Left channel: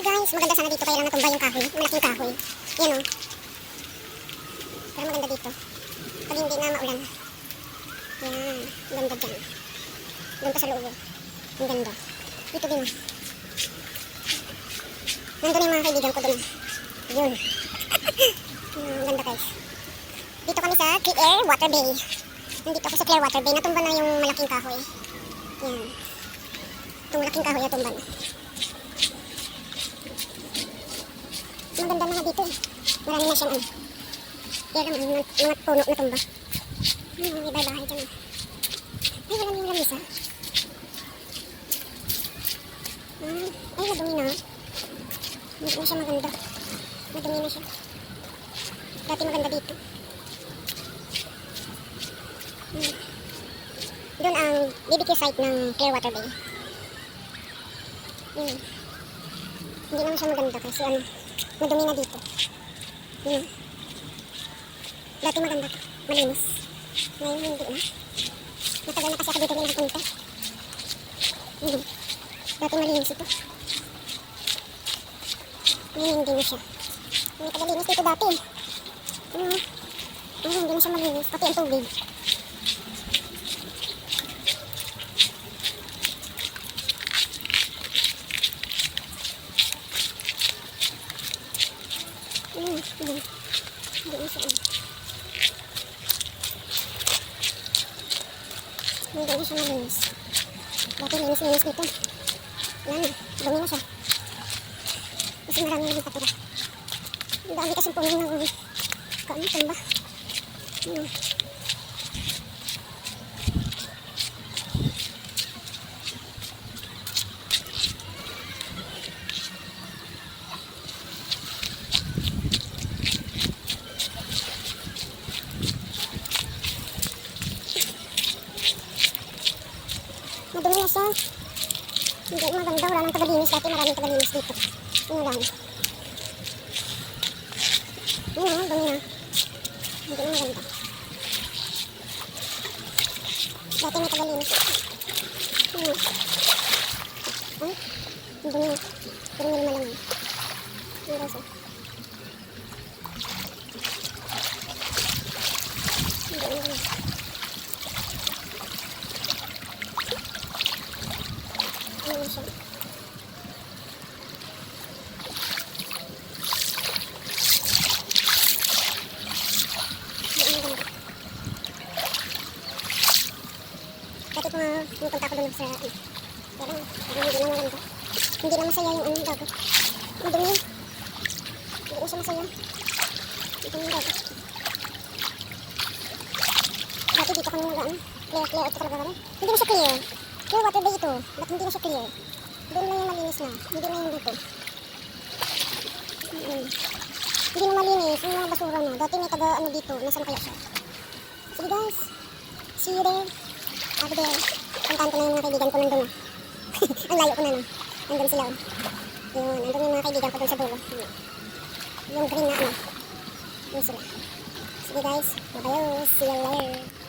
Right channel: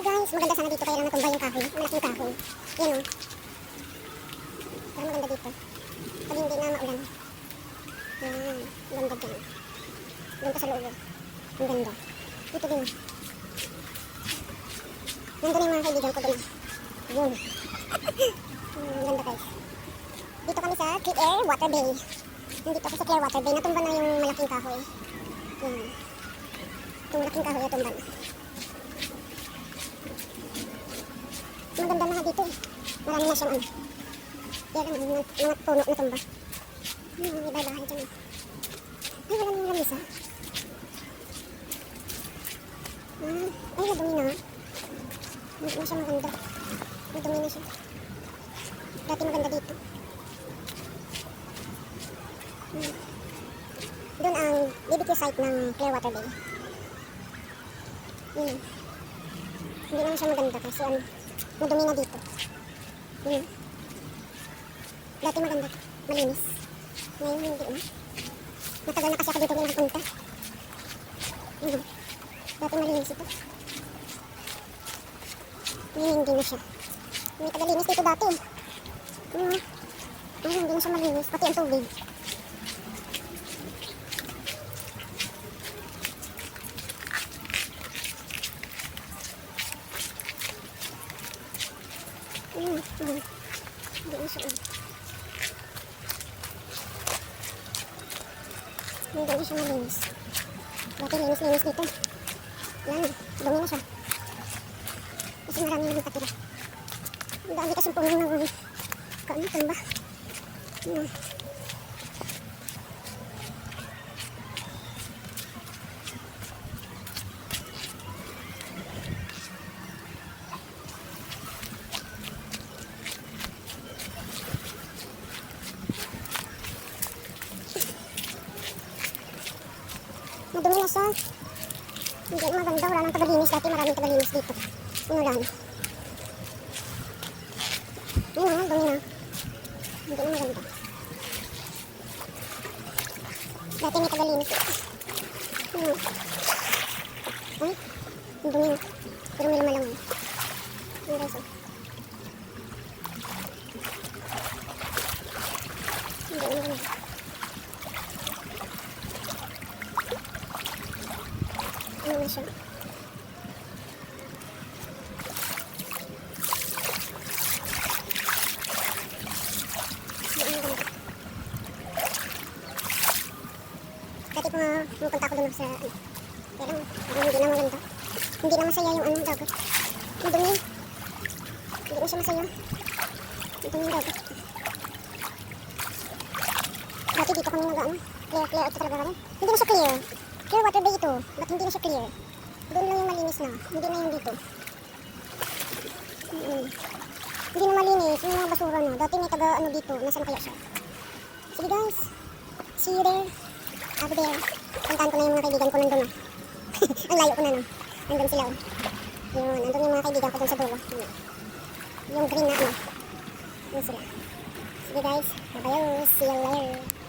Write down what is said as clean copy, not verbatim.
Hi guys, maganda sana dito kaya lang natumba yung kahoy, malaking kahoy. Yan o. Pero maganda dito. Pag hindi na maulan. Yan, ganda dyan. Doon pa sa loob. Ang ganda. Dito din o. Nandun yung mga kaibigan ko doon. Yun. Ang ganda guys. Dito kami sa Clearwater Bay. Nandito ako sa Clearwater Bay. Natumba na yung malaking kahoy. Yan. Itong malaking kahoy natumba na. Maganda na nga dito eh. Marami na siyang ano. Kaya naman mga puno na tumba. May bahay dyan eh. Ay, wala na yung lamisa. Ay, nadumi na. Hindi na siya maganda. Nadumi na siya. Dati maganda dito. Doon ang BBQ site ng Clearwater Bay. Hindi naman siya maganda kasi ano, madumi na dito. Dati maganda to. Malinis. Ngayon hindi na. Matagal na kasi ako dito nakapunta. Dati malinis ito. Ngayon hindi na siya. May tagalinis dito dati. Ngayon hindi na siya malinis. Pati ang tubig. Hindi na siya. Hindi na siya malinis. Dati linis dito. Yan, dumi na siya. Kasi marami na nakatira. Ang dami kasing puno na kaano, tumba. Madumi na siya. Hindi maganda. Wala nang tagalinis. Dati maraming tagalinis dito. Wala. Ayun, dumi na. Hindi na maganda. Dati may tagalinis. Ayun. Ay, dumi na. Pero may lumalang. Ayun siya. Hindi na maganda. Ayun siya. Dati pumunta ako doon sa pero hindi na maganda. Hindi na masaya yung ano dagat. Madumi. Hindi na siya masaya. Ito yung dagat. Dati dito kami nag-ano. Clear at talaga kami. Hindi na siya clear. Yung water bay ito. Ba't hindi na siya clear? Doon lang yung malinis na. Hindi na yung dito. Hindi na malinis. Yung mga basura na. Dati may taga ano dito. Nasaan kaya siya? Sige guys. See you there. Ako din. Puntahan ko na yung mga kaibigan ko nandun. Ang layo ko na no. Nandun sila. Yun. Nandun yung mga kaibigan ko dun sa dulo. Yung green na ano. Yun sila. Sige guys. Bye-bye. See you later.